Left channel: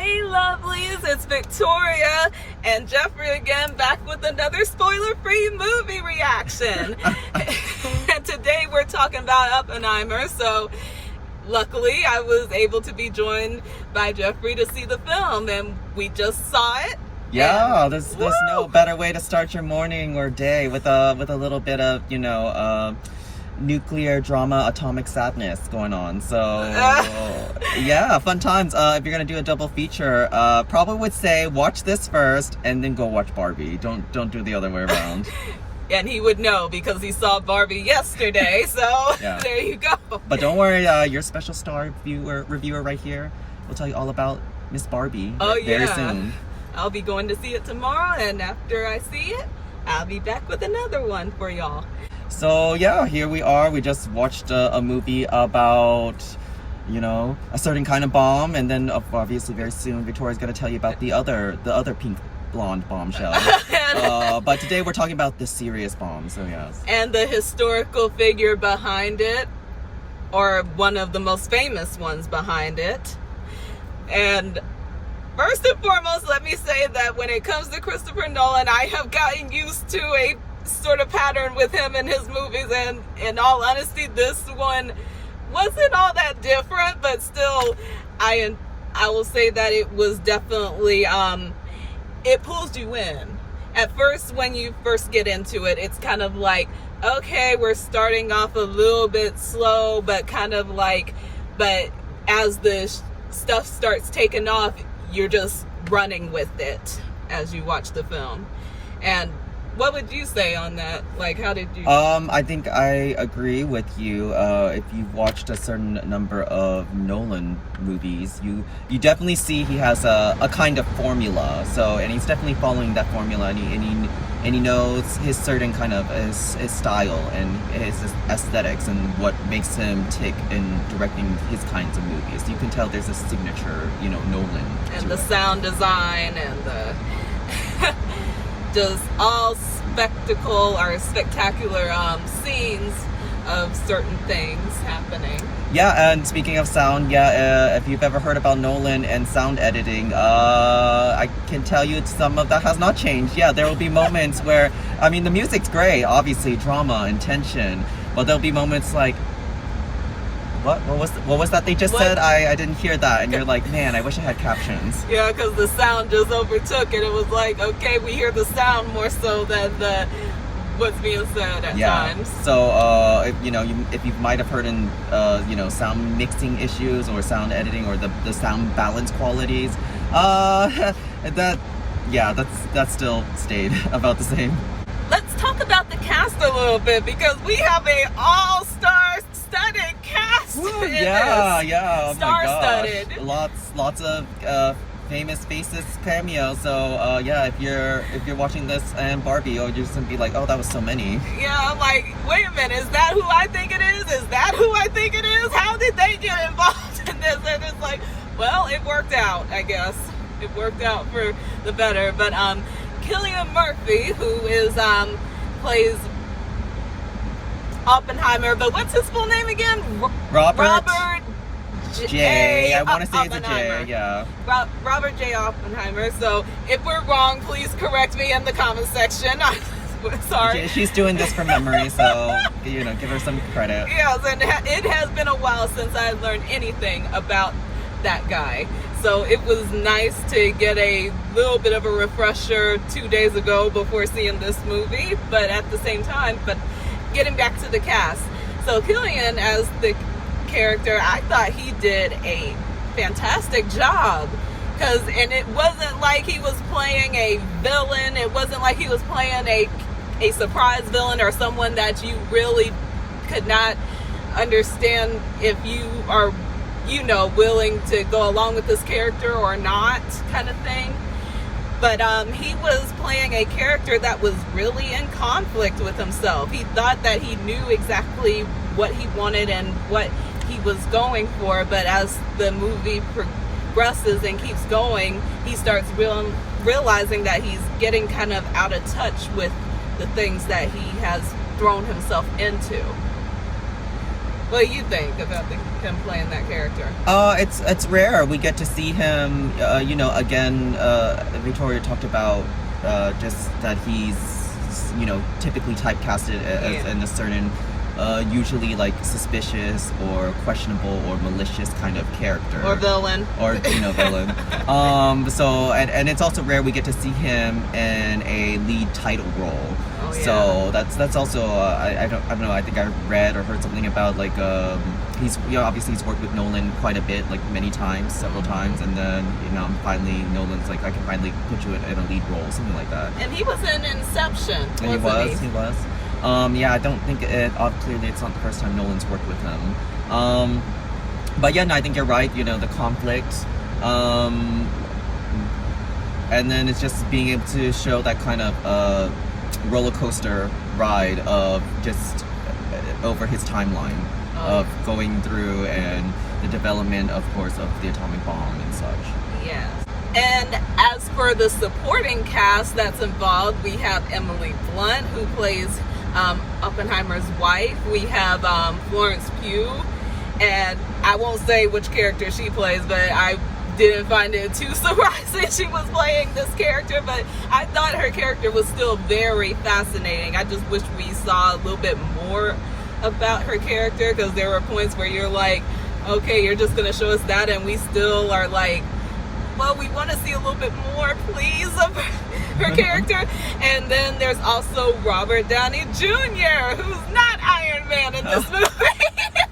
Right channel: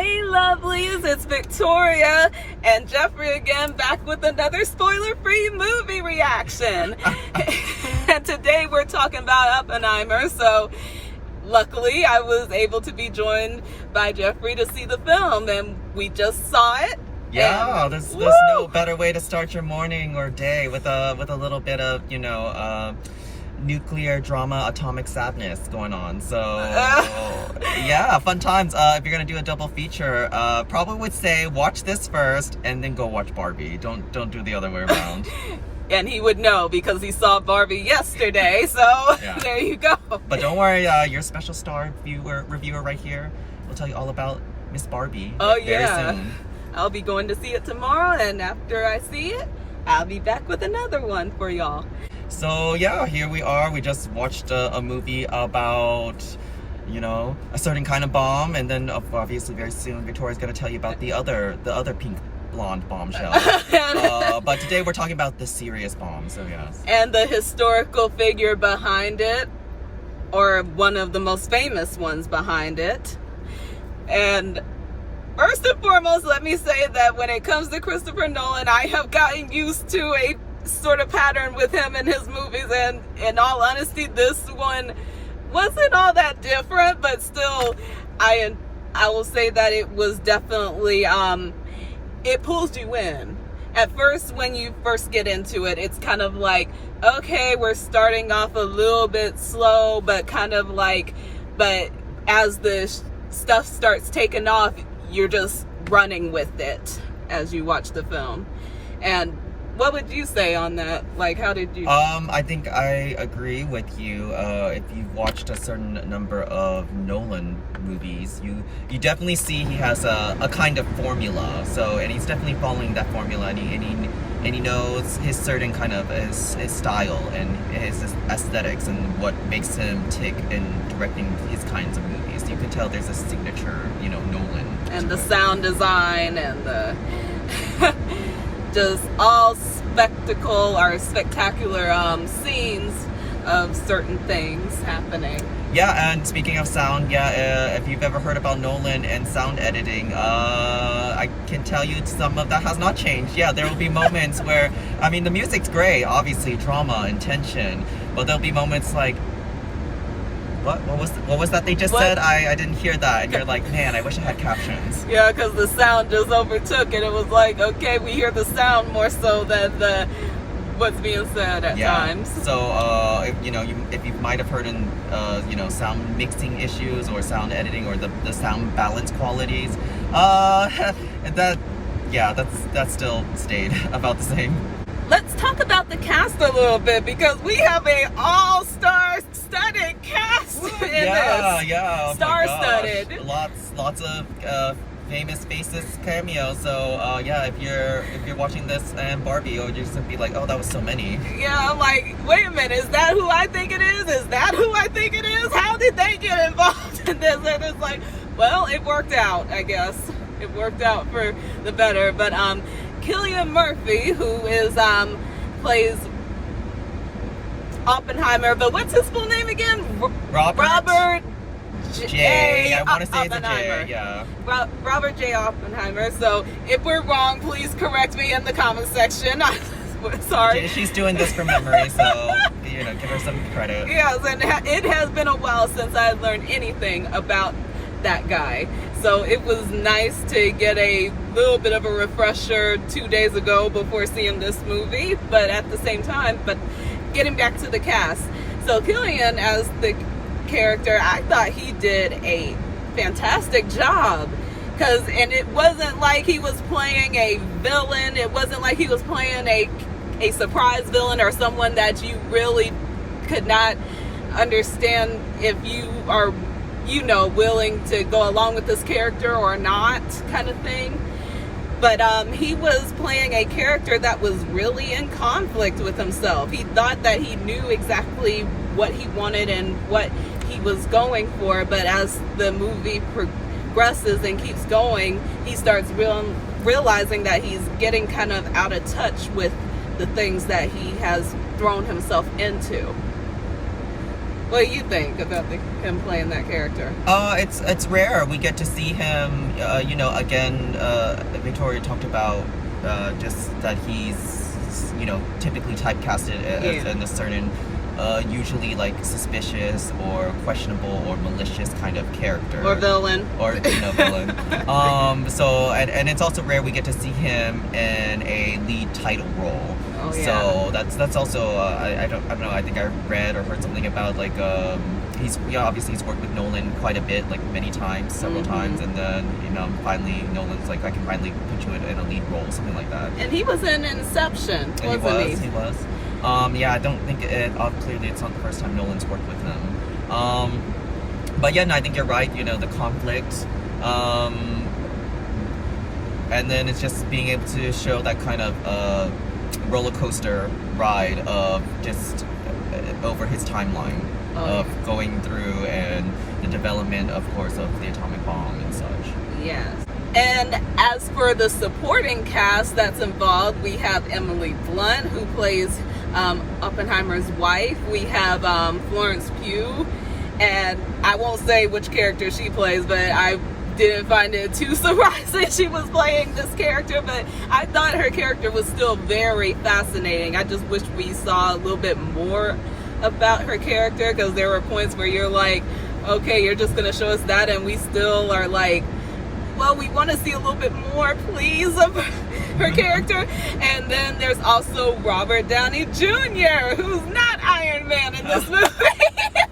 Hey lovelies, it's Victoria and Jeffrey again, back with another spoiler-free movie reaction. And today we're talking about Oppenheimer, so luckily I was able to be joined by Jeffrey to see the film, and we just saw it. Yeah, there's no better way to start your morning or day with a little bit of, nuclear drama, atomic sadness going on. So yeah, fun times. If you're gonna do a double feature, probably would say watch this first and then go watch Barbie. Don't do the other way around. And he would know because he saw Barbie yesterday, so yeah. There you go. But don't worry, your special star reviewer right here will tell you all about Miss Barbie very soon. I'll be going to see it tomorrow, and after I see it, I'll be back with another one for y'all. So yeah, here we are. We just watched a movie about, a certain kind of bomb, and then obviously very soon Victoria's going to tell you about the other pink blonde bombshell. But today we're talking about the serious bomb. So yes. And the historical figure behind it, or one of the most famous ones behind it. And first and foremost, let me say that when it comes to Christopher Nolan, I have gotten used to a sort of pattern with him in his movies, and in all honesty, this one wasn't all that different, but still, I will say that it was definitely, it pulls you in. At first, when you first get into it, it's kind of like, okay, we're starting off a little bit slow, but but as the stuff starts taking off, you're just running with it as you watch the film. And what would you say on that? Like, how did you... I think I agree with you. If you've watched a certain number of Nolan movies, you definitely see he has a kind of formula. So, and he's definitely following that formula, and he knows his certain kind of his style and his aesthetics and what makes him tick in directing his kinds of movies. You can tell there's a signature, Nolan. And the sound design and the just all spectacle or spectacular scenes of certain things happening. Yeah, and speaking of sound, if you've ever heard about Nolan and sound editing, I can tell you some of that has not changed. Yeah, there will be moments where, the music's great, obviously, drama and tension, but there'll be moments like, what was that they just said? I didn't hear that. And you're like, man, I wish I had captions. Yeah, because the sound just overtook it. It was like, okay, we hear the sound more so than what's being said at times. So, if you might have heard in, sound mixing issues or sound editing or the sound balance qualities, that still stayed about the same. Let's talk about the cast a little bit, because we have a all-star studded cast. Yeah. Star-studded. Lots of famous faces cameo. So if you're watching this and Barbie, you're just gonna be like, oh, that was so many. Yeah, like, wait a minute, is that who I think it is? Is that who I think it is? How did they get involved in this? And it's like, well, it worked out, I guess. It worked out for the better. But Cillian Murphy, who is plays Oppenheimer, but what's his full name again? Robert J. I want to say it's a J. Yeah. Robert J. Oppenheimer. So if we're wrong, please correct me in the comment section. Sorry. She's doing this from memory, so give her some credit. Yes, and it has been a while since I learned anything about that guy. So it was nice to get a little bit of a refresher 2 days ago before seeing this movie, but at the same time, getting back to the cast. So Cillian as the character, I thought he did a fantastic job. And it wasn't like he was playing a villain. It wasn't like he was playing a surprise villain or someone that you really could not understand if you are willing to go along with this character or not, kind of thing. But he was playing a character that was really in conflict with himself. He thought that he knew exactly what he wanted and what he was going for, but as the movie progresses and keeps going, he starts realizing that he's getting kind of out of touch with the things that he has thrown himself into. What do you think about him playing that character? It's rare. We get to see him. Again, Victoria talked about just that he's typically typecasted as in a certain, usually like suspicious or questionable or malicious kind of character Or villain. or villain. So and it's also rare we get to see him in a lead title role. Oh, yeah. So that's also I don't know. I think I read or heard something about like he's obviously he's worked with Nolan quite a bit, like many times, several times, and then finally Nolan's like, I can finally put you in a lead role, something like that. And he was in Inception. And he was. I don't think clearly it's not the first time Nolan's worked with him. But yeah, no, I think you're right. The conflict. And then it's just being able to show that kind of roller coaster ride of just over his timeline of going through and the development, of course, of the atomic bomb and such. Yes. And as for the supporting cast that's involved, we have Emily Blunt, who plays Oppenheimer's wife. We have Florence Pugh, and I won't say which character she plays, but I didn't find it too surprising she was playing this character, but I thought her character was still very fascinating. I just wish we saw a little bit more about her character, because there were points where you're like, okay, you're just gonna show us that, and we still are like, well, we want to see a little bit more, please, of her character. And then there's also Robert Downey Jr., who's not Iron Man in this movie.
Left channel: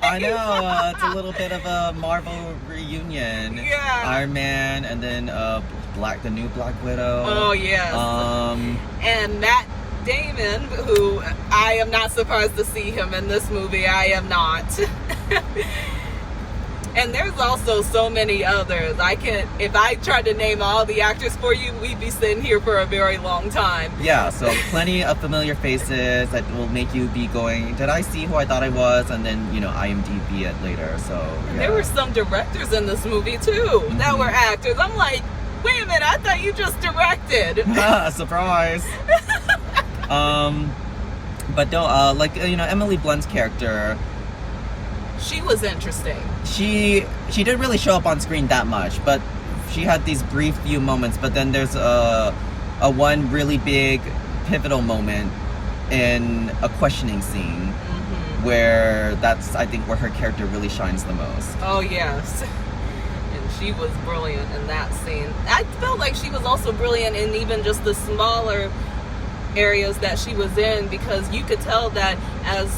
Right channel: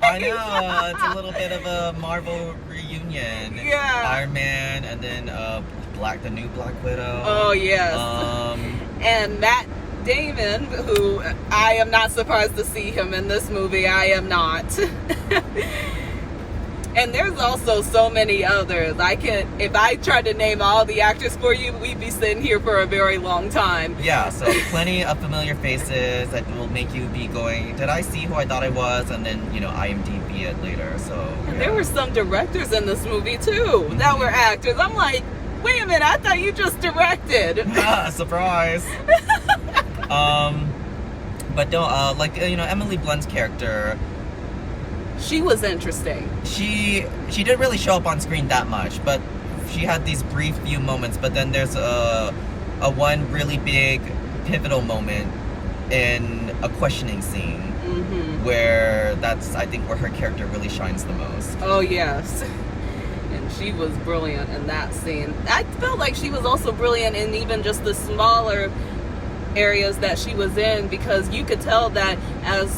I know, it's a little bit of a Marvel reunion. Yeah. Iron Man, and then the new Black Widow. Oh, yes. And Matt Damon, who I am not surprised to see him in this movie. I am not. And there's also so many others. If I tried to name all the actors for you, we'd be sitting here for a very long time. Yeah, so plenty of familiar faces that will make you be going, did I see who I thought I was? And then, IMDb it later, so yeah. There were some directors in this movie, too, that were actors. I'm like, wait a minute, I thought you just directed. Surprise. But no, Emily Blunt's character, she was interesting. She didn't really show up on screen that much, but she had these brief few moments. But then there's a one really big pivotal moment in a questioning scene, where that's, I think, where her character really shines the most. Oh yes, and she was brilliant in that scene. I felt like she was also brilliant in even just the smaller areas that she was in, because you could tell that as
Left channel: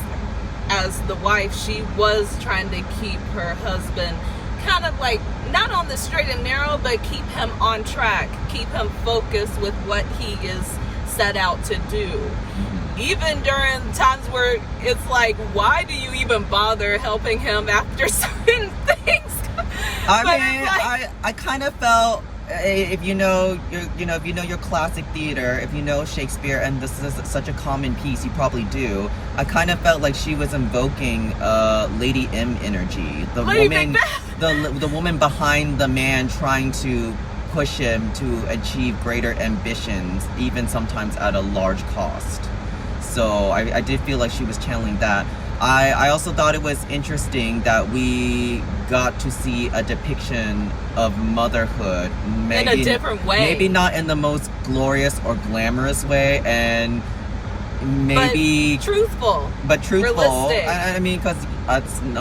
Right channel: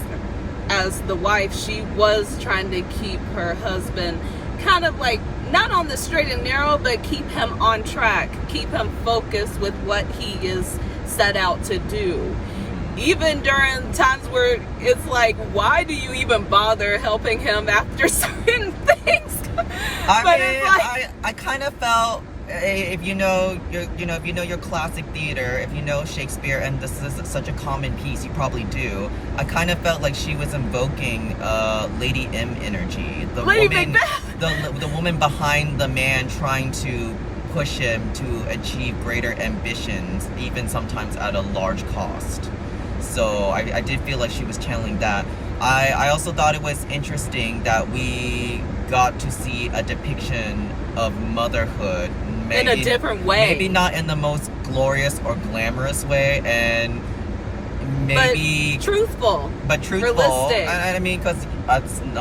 the wife, she was trying to keep her husband kind of like not on the straight and narrow, but keep him on track, keep him focused with what he is set out to do. Even during times where it's like, why do you even bother helping him after certain things? I kind of felt, if you know your classic theater, if you know Shakespeare, and this is such a common piece, you probably do. I kind of felt like she was invoking Lady M energy, the woman behind the man, trying to push him to achieve greater ambitions, even sometimes at a large cost. So I did feel like she was channeling that. I also thought it was interesting that we got to see a depiction of motherhood, maybe, in a different way. Maybe not in the most glorious or glamorous way, and maybe truthful. Realistic. I mean, because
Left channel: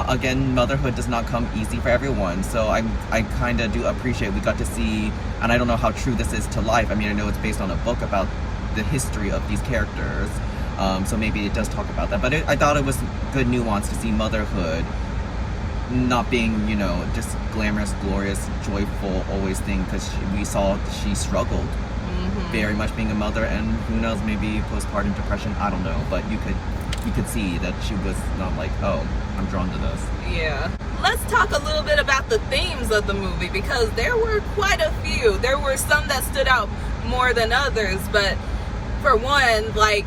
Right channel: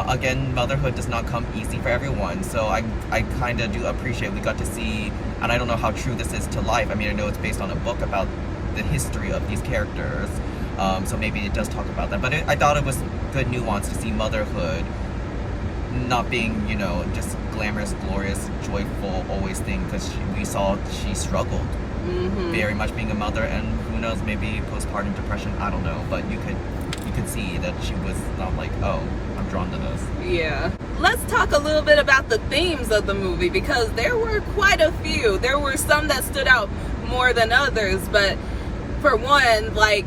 again, motherhood does not come easy for everyone. So I kind of do appreciate we got to see, and I don't know how true this is to life. I mean, I know it's based on a book about the history of these characters. So maybe it does talk about that, but I thought it was good nuance to see motherhood not being, just glamorous, glorious, joyful, always thing, because we saw she struggled very much being a mother, and who knows, maybe postpartum depression, I don't know, but you could see that she was not like, oh, I'm drawn to this. Yeah. Let's talk a little bit about the themes of the movie, because there were quite a few. There were some that stood out more than others, but for one, like,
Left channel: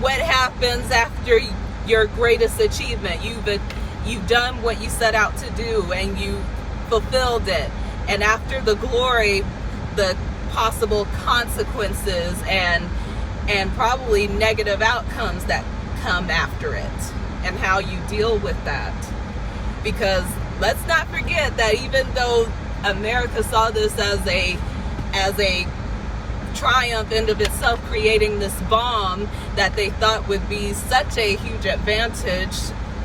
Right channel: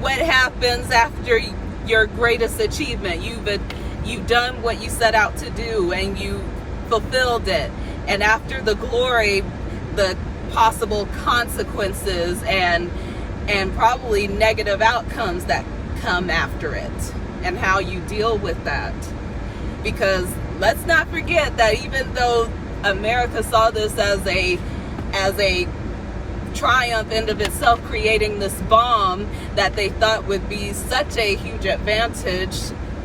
what happens after your greatest achievement? You've done what you set out to do, and you fulfilled it. And after the glory, the possible consequences and probably negative outcomes that come after it. and how you deal with that. Because let's not forget that even though America saw this as a triumph in of itself, creating this bomb that they thought would be such a huge advantage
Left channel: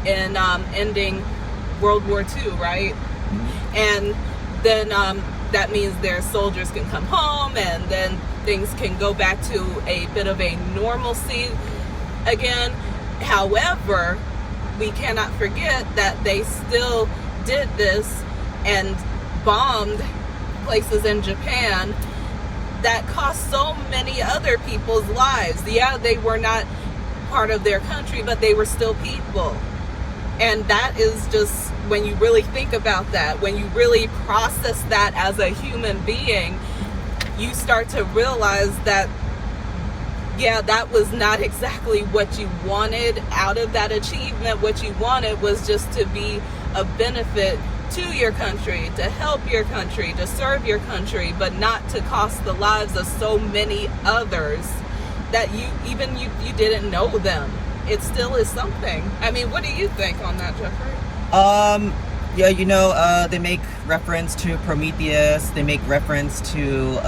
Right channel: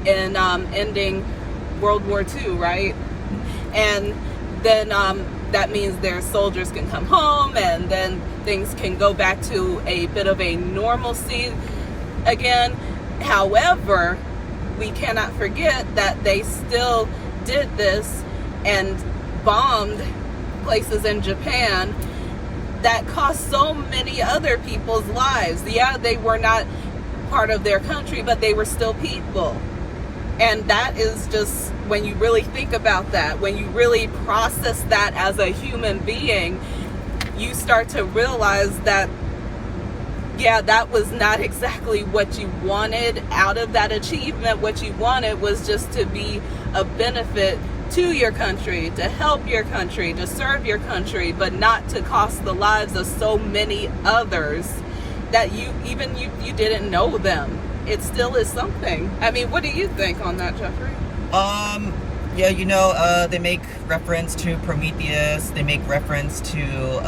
in ending World War II, right? And then that means their soldiers can come home, and then things can go back to a bit of a normalcy again. However, we cannot forget that they still did this and bombed places in Japan that cost so many other people's lives. Yeah, they were not part of their country, but they were still people. And that is just, when you really think about that, when you really process that as a human being, you start to realize that, yeah, that was not exactly what you wanted out of that achievement. What you wanted was just to be a benefit to your country, to help your country, to serve your country, but not to cost the lives of so many others that you didn't know them. It still is something. I mean, what do you think on that, Jeffrey? Yeah, they make reference to Prometheus. They make reference to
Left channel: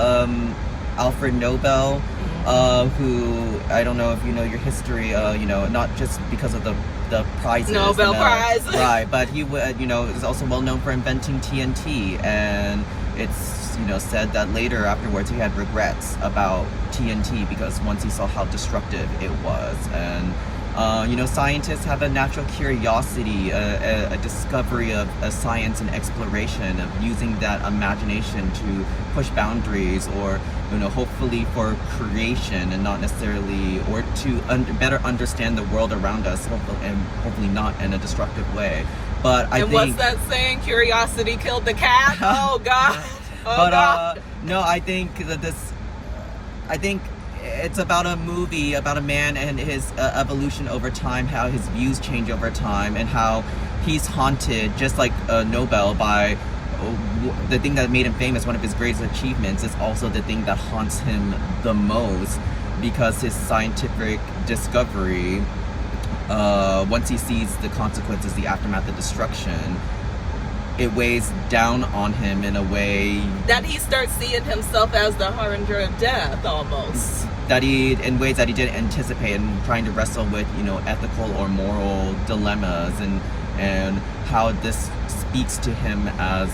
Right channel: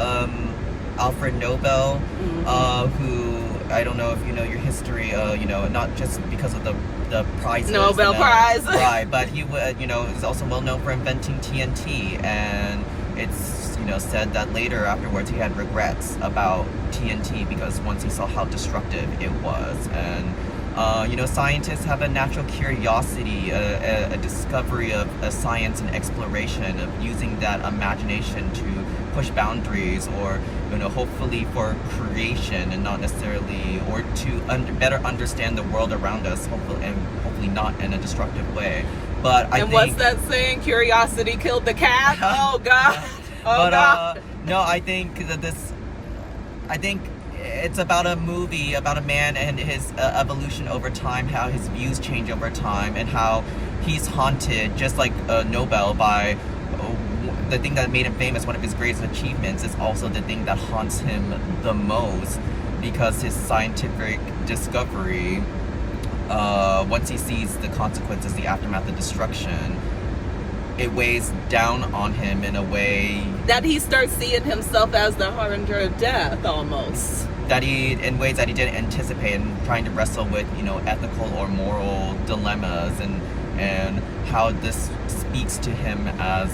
Alfred Nobel, who, I don't know if you know your history, not just because of the prizes. Nobel Prize. Right, but he, is also well known for inventing TNT, and it's, said that later afterwards he had regrets about TNT because once he saw how destructive it was. And scientists have a natural curiosity, a discovery of science and exploration, of using that imagination to push boundaries, or hopefully for creation, and not necessarily, or to better understand the world around us, hopefully not in a destructive way. But I think, what's that saying? Curiosity killed the cat. Oh God. Oh, but God. no, I think it's about a movie about a man and his evolution over time, how his views change over time, and how he's haunted, just like Nobel, by the thing that made him famous. One of his greatest achievements is also the thing that haunts him the most, because his scientific discovery, once he sees the consequences, the aftermath, the destruction, it weighs down on him in a way that he starts seeing himself as the harbinger of death, almost. In ways that he didn't anticipate, and trying to wrestle with, ethical or moral dilemmas, and how this speaks to him as,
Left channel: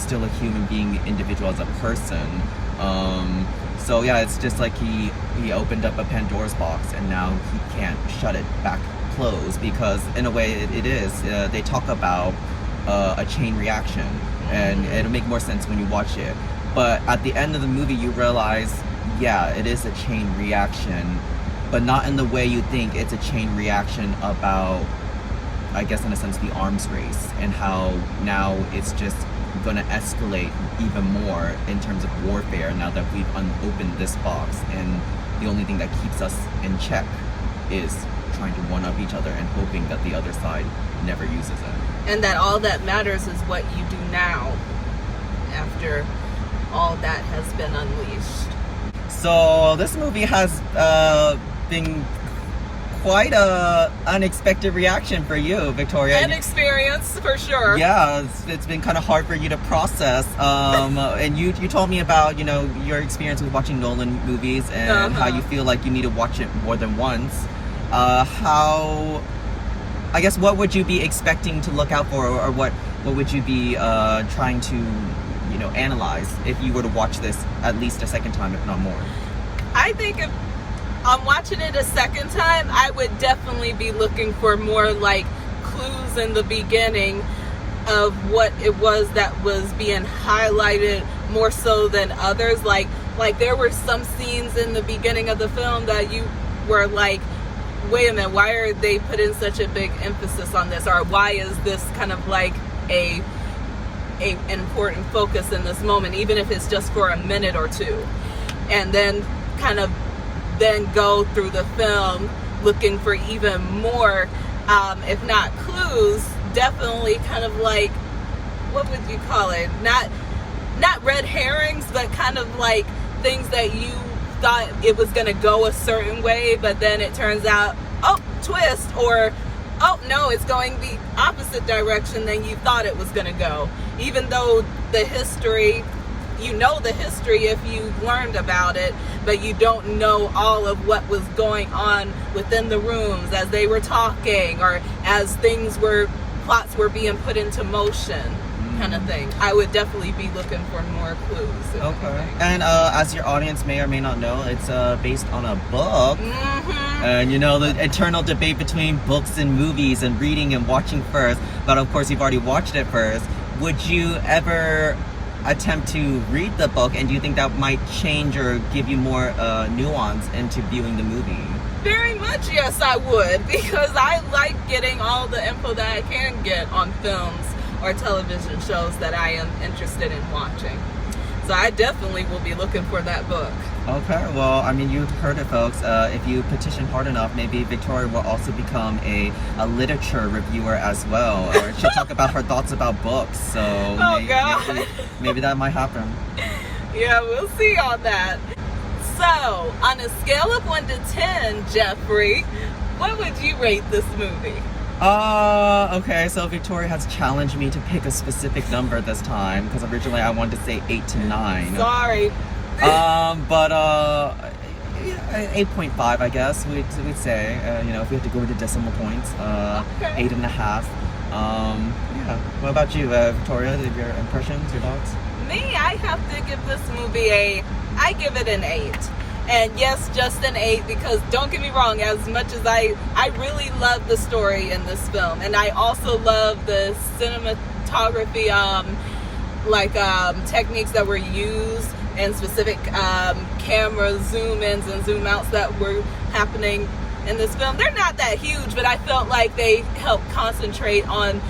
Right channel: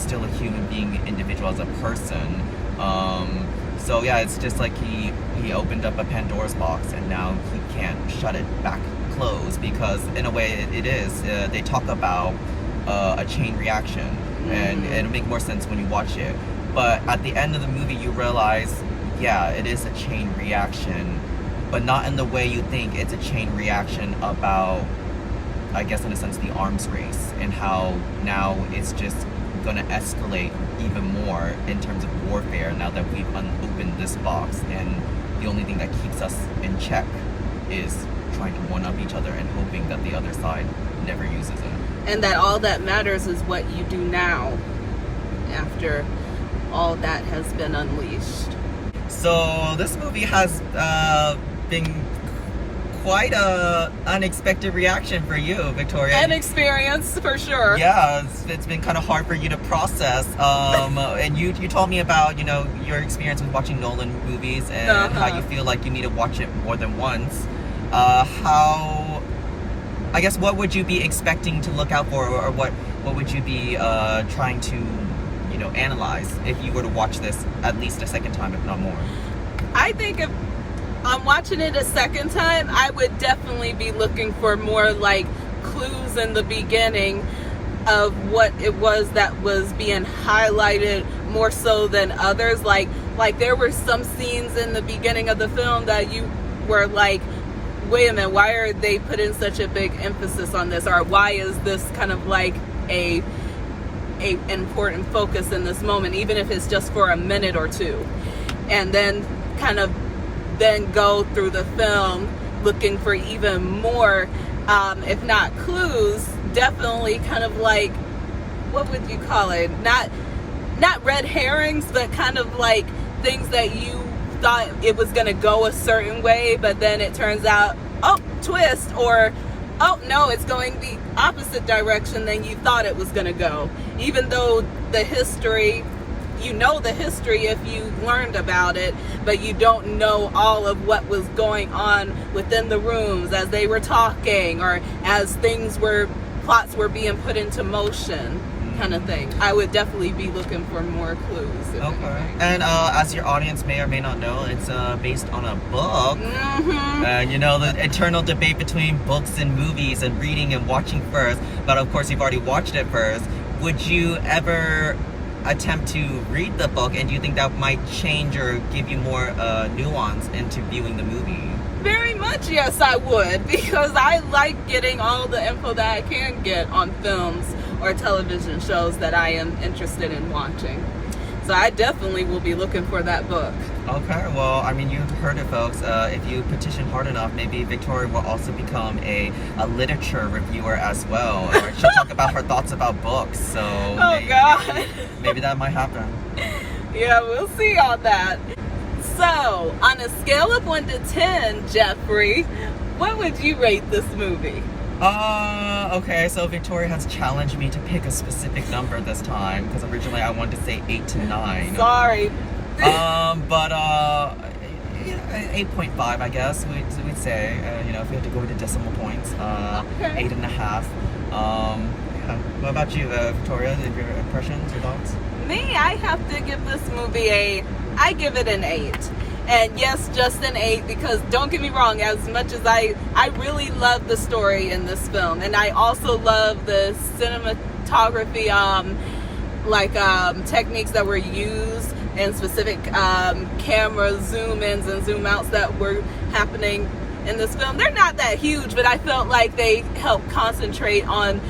still a human being, individual, as a person. So yeah, it's just like he opened up a Pandora's box, and now he can't shut it back closed, because in a way it is. They talk about a chain reaction, and it'll make more sense when you watch it. But at the end of the movie, you realize, yeah, it is a chain reaction, but not in the way you think. It's a chain reaction about, I guess in a sense, the arms race, and how now it's just going to escalate even more in terms of warfare now that we've unopened this box, and the only thing that keeps us in check is trying to one-up each other and hoping that the other side never uses it. And that all that matters is what you do now, after all that has been unleashed. So this movie has been quite a unexpected reaction for you, Victoria. An experience, for sure. Yeah, it's been kind of hard for you to process. And you told me about, your experience with watching Nolan movies, and how you feel like you need to watch it more than once. What would you be expecting to look out for, or what would you be trying to analyze if you were to watch this at least a second time, if not more? I think if I'm watching it a second time, I would definitely be looking for more like clues in the beginning of what it was that was being highlighted more so than others. Like there were some scenes in the beginning of the film that you were like, wait a minute, why are they putting such a big emphasis on this? Or why is this kind of like a important focus in this moment, even if it's just for a minute or two? And then kind of then go through the film looking for even more, if not clues, definitely kind of like, what would you call it? Not red herrings, but kind of like things that you thought it was going to go a certain way, but then it turns out, oh, twist, or oh no, it's going the opposite direction than you thought it was going to go. Even though the history, you know the history if you learned about it, but you don't know all of what was going on within the rooms as they were talking, or as plots were being put into motion, kind of thing. I would definitely be looking for more clues. Okay. And as your audience may or may not know, it's based on a book. Mm-hmm. And you know, the eternal debate between books and movies and reading and watching first. But of course, you've already watched it first. Would you ever attempt to read the book, and do you think that might change or give you more nuance into viewing the movie? Very much, yes, I would, because I like getting all the info that I can get on films or television shows that I am interested in watching. So I definitely will be looking for that book. Okay, well, I mean, you've heard it, folks. If you petition hard enough, maybe Victoria will also become a literature reviewer as well. Or she'll talk about her thoughts about books. So maybe that might happen. Yeah, we'll see on that. So, on a scale of 1 to 10, Jeffrey, what would you rate this movie? Okay, so Victoria has challenged me to pick a specific number this time, because originally I wanted to say 8 to 9. Sorry. But 8.5, I guess we'd say. You know, if we had to go into decimal points, Okay. 8.5. Yeah. What about you, Victoria? Your impressions, your thoughts? Me, I have to give this movie I give it an 8. And yes, just an 8, because don't get me wrong, as much as I really love the story in this film, and I also love the cinematography, techniques that were used, and specific camera zoom-ins and zoom-outs that were happening in this film. They're not that huge, but I felt like they helped concentrate on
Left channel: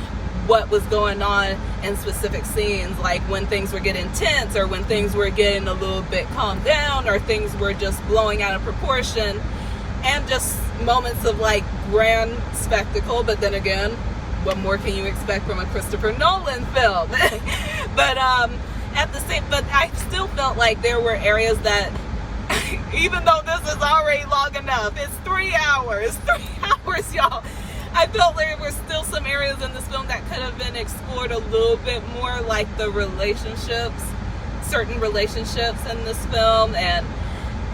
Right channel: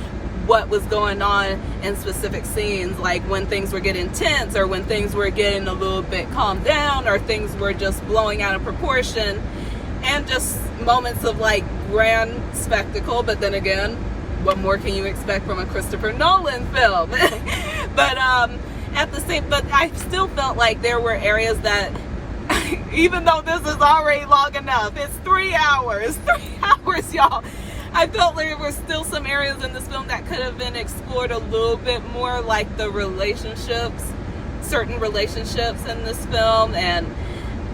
what was going on in specific scenes, like when things were getting tense, or when things were getting a little bit calmed down, or things were just blowing out of proportion, and just moments of like grand spectacle. But then again, what more can you expect from a Christopher Nolan film? But but I still felt like there were areas that, even though this is already long enough, it's 3 hours, y'all. I felt like there were still some areas in this film that could have been explored a little bit more, like certain relationships in this film, and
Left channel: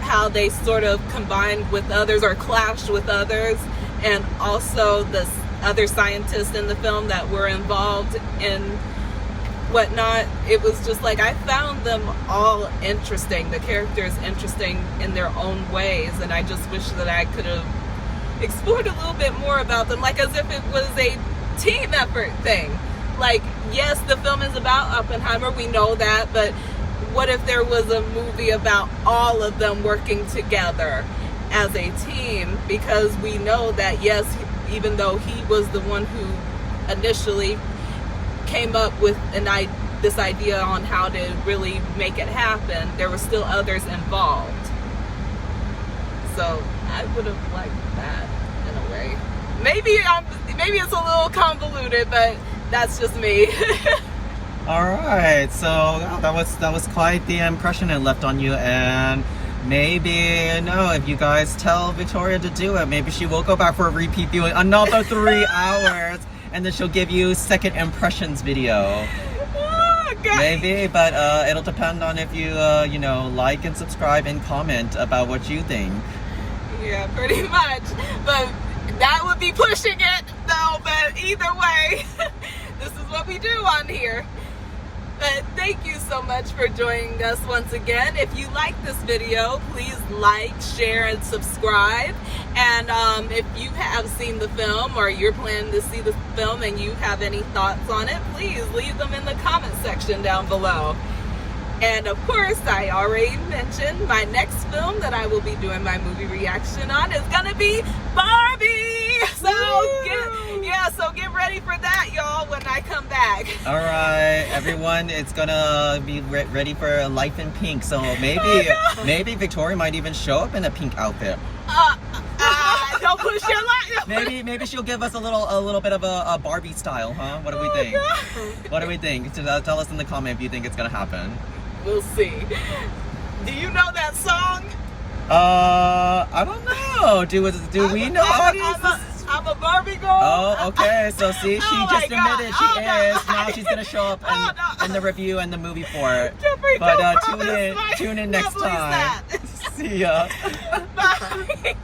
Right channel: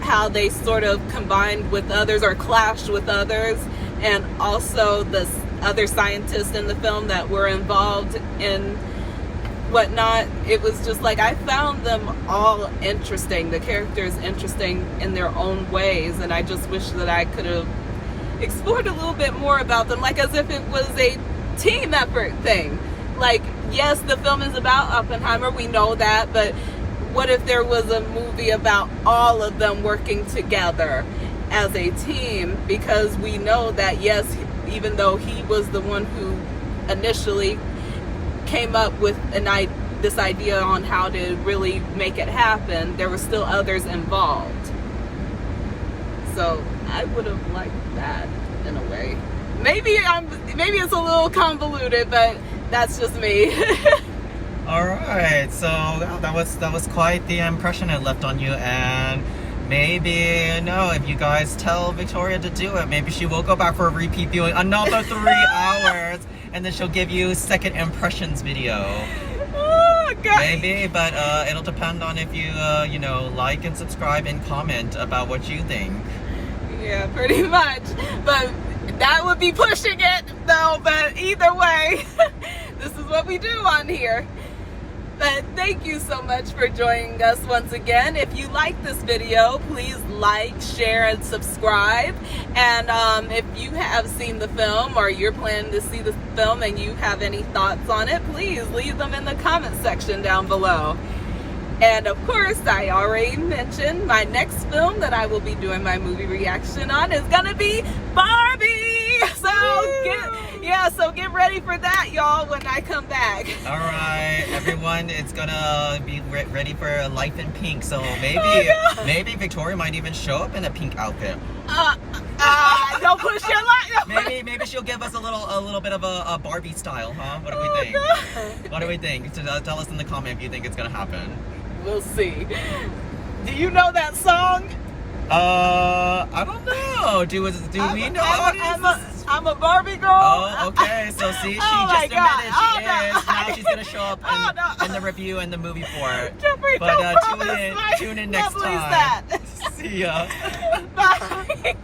how they sort of combined with others or clashed with others, and also the other scientists in the film that were involved in whatnot. It was just like, I found them all interesting, the characters interesting in their own ways, and I just wish that I could have explored a little bit more about them, like as if it was a team effort thing. Like, yes, the film is about Oppenheimer, we know that, but what if there was a movie about all of them working together as a team? Because we know that, yes, even though he was the one who initially came up with this idea on how to really make it happen, there were still others involved. So I would have liked that in a way. Maybe it's a little convoluted, but that's just me. All right, so that was quite the impression it left on you, and maybe, if you guys tell Victoria to do it, maybe she will go back for a repeat viewing another 3 hours, and then she'll give you second impressions video. Oh, God. Maybe, but it'll depend on if you like and subscribe and comment about what you think. Yeah, pretty much. But that would be pushing it, though. But either way, this is what we do on here. But thank you so much for joining us once again. If you like this video, please like, share, and subscribe. And if you have seen the film, or you're planning to see the film and you have any thoughts on it, please leave them in the comment section down below. And of course, I already mentioned my next film that I will be doing my movie reaction on is gonna be Barbie. So get ready for that, y'all, when I come back. All right, everyone, it's gonna be ready for Life in Pink. So maybe Victoria might even show up in a pink outfit. Don't push your luck. Maybe she'll give us a little bit of a Barbie style, huh? What do we think? What do we think? Tell us in the comment if you think it's gonna happen. We'll see. Do you know that song? I don't know. Do we know? a Barbie girl. Oh, okay. So see, she Oh my just God. admitted she Oh, no. is. Now she's gonna show up Oh, no. in the review and the movie for it. Jeffrey, But don't tune promise in my next lovelies time. that. See ya. Bye.